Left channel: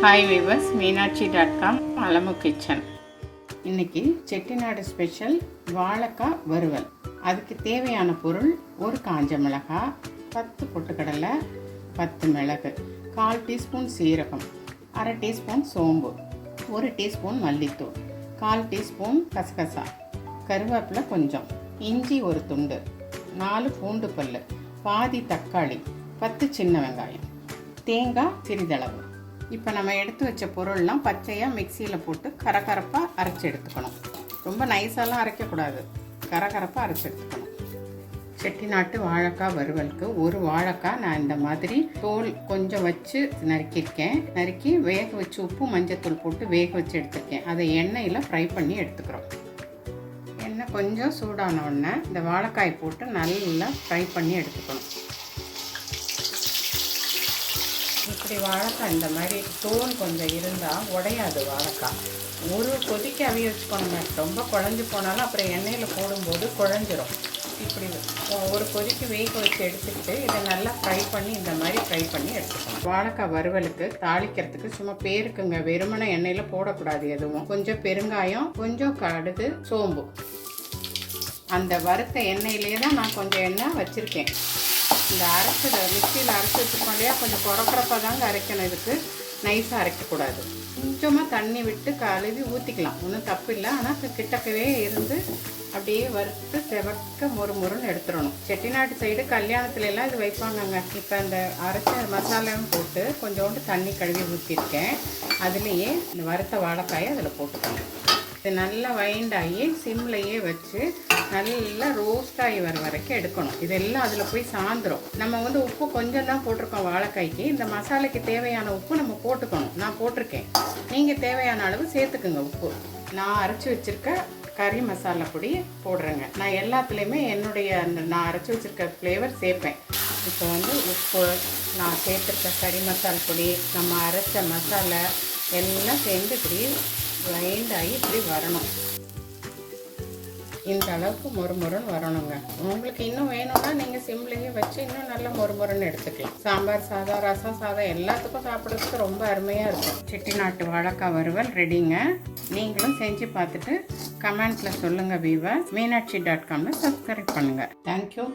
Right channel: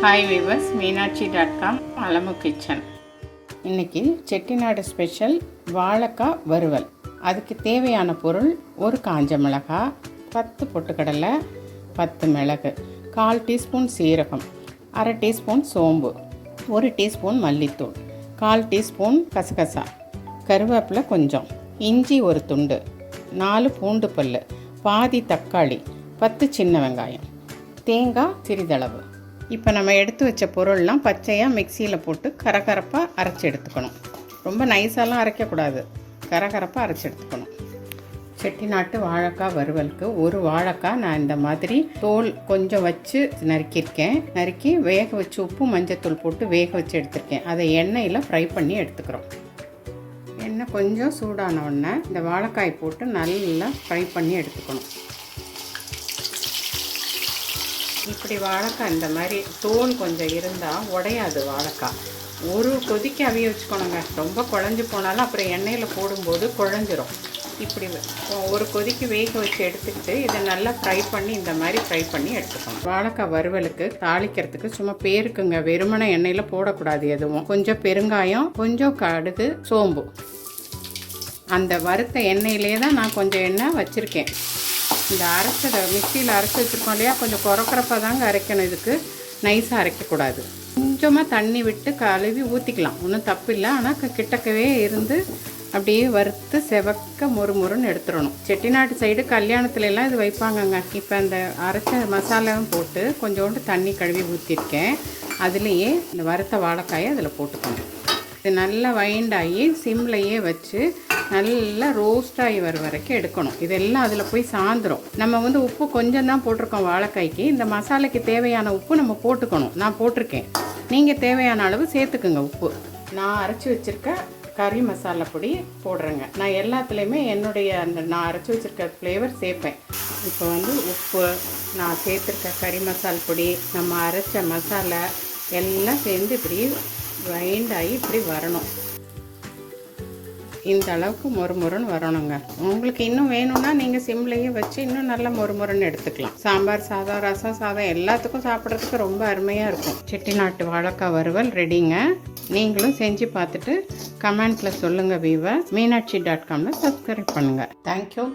Hi viewers, மீனாட்சி.com Alamu kitchen. இன்றைக்கி Chettinad special வாழைக்காய் வறுவல். அதுக்கு தேவையான பொருள்: ஒரு காஞ்ச மிளகாய், 10 பொட்டுக்கடலை, 10 மிளகு, 1/4 டீஸ்பூன் சீரகம், அரை டீஸ்பூன் சோம்பு, 1 டீஸ்பூன் மல்லித்தூள், 1/4 டீஸ்பூன் கசகசா, கருவேப்பிலை கொஞ்சம், இஞ்சி ஒரு துண்டு, 4 பூண்டு பல், பாதி தக்காளி, 10 சின்ன வெங்காயம், தேங்காய் சிறிதளவு. இப்போ நம்ம எடுத்து வச்ச பொருள்லாம் பச்சையாக மிக்சியில் போட்டு கரகரப்பாக அரைச்சி எடுத்துக்கணும். ரொம்ப நைஸாலாம் அரைக்கக்கூடாது, கரகரப்பாக அரைச்சி எடுத்துக்கணும். செட்டிநாட்டு வாழைக்காய் வறுவலுக்கு ஒரு வாழைக்காய் நான் இந்த மாதிரி தோல் கொஞ்சம் வச்சு நறுக்கி வேக வச்சு உப்பு மஞ்சத்தூள் போட்டு வேக வச்சு எடுத்துருக்கேன். அதை எண்ணெயில் ஃப்ரை பண்ணி எடுத்துக்கிறோம். எண்ணெய் கொஞ்சம் சூடான உடனே இந்த வாழைக்காய் போட்டு நல்லா ஃப்ரை பண்ணி எடுத்துக்கணும். இப்படி வாழைக்காய் இந்த மாதிரி தோல் கொஞ்சம் இருந்தால் உடையாது வாழைக்காய். ஒரு கொதிக்க அவிய வச்சுக்கணுங்க. ரொம்ப குழஞ்சி போனாலும் அப்புறம் எண்ணெயில் போடும்போது குழஞ்சிரும். இப்படி ஒரு கொதிக்கு வேக வச்சு எடுத்துக்கிட்டு இதை நல்லா ஃப்ரை பண்ணி இந்த மாதிரி ஃப்ரை பண்ணி எடுத்துக்கணும். வாழைக்காய் வறுவலுக்கு தாளிக்கிறதுக்கு சும்மா பேருக்குங்க, வெறுமனை எண்ணெயில் போடக்கூடாது எதுவும். கொஞ்சம் பெருங்காயம், கொஞ்சம் கடுகு, சோம்பு. அந்த வறுத்த எண்ணெயிலே தான் நான் கொஞ்சம் எண்ணெய் வச்சுருக்கேன். இந்த அரைச்சதை மிக்சியில் அரைச்சி வச்சுருக்கோம் இல்லையா, கொஞ்சம் குறக்குறப்பாக தாங்க அரைக்கணும். இதுக்கு நைஸாக அரைக்கக்கூடாது. கொஞ்சமாக தண்ணி விட்டு கழுவி ஊற்றிக்கலாம், ஒன்றும் தப்பு இல்லை. ஆனால் கிட்டக்கவே இருந்து அப்படியே வறுத்து செவக்க முறுமுறுன்னு எடுத்துடணும். செட்டிநாட்டு சைடு கல்யாணத்துலலாம் இது வைப்பாங்கங்க. இப்போ இந்த அரைச்ச மசாலாவும் போட்டு கொஞ்சோண்டு தண்ணி கழுவி ஊற்றிருக்கேன். அதுலேயே இந்த வறுத்த வாழைக்காயை அதில் போட்டுக்கோங்க. இது நல்லா வைண்டாகி சிம்லையே வச்சு நல்லா ரோஸ்டாகி வர வரைக்கும் எடுக்கணும். இதெல்லாம் அதில் போய் சாந்துடும். நம்ம உப்பு கொஞ்சம் தான் போட்டிருக்கோம் வாழைக்காய்க்கு. இந்த மசாலைக்கு தேவையான உப்பு நம்ம போட்டுக்கணும். நான் போட்டிருக்கேன், நீங்கள் தேவையான அளவு சேர்த்துக்குங்க உப்பு. நான் அரைச்சி வச்சுருக்க கறி மசாலா பொடி போடுறேங்க. நான் எல்லாத்துலேயுமே என்னுடைய நான் அரைச்சி வச்சுருக்க ஃப்ளேவர் சேர்ப்பேன். இப்போ உப்பு, நான் சேர்த்துருக்க கறி மசாலா பொடி, நம்ம அரைச்ச மசாலா எல்லாம் சேர்ந்து இப்படி வைண்டாகி இப்படி வரணும். இந்த அளவுக்கு மொறுமொறுன்னு வரணுங்க. உங்களுக்கு இன்னும் வேணும்னா நீங்கள் சிம்லையே வச்சு இன்னும் நல்லா மொறுமொறுன்னு எடுத்துக்கலாம். சாம்பார் சாதம், ரசம் சாதம் எல்லாத்துக்கும் சாப்பிட்றதுக்கு ரொம்ப அருமையாக இருக்கும். செட்டிநாட்டு வாழைக்காய் வறுவல் ரெடிங்க. நீங்களும் செஞ்சு பார்த்துட்டு கமெண்ட்ஸில் சொல்லுங்கள். மீனாட்சி.com சப்ஸ்கிரைப் பண்ணுங்கள். தேங்க்யூ.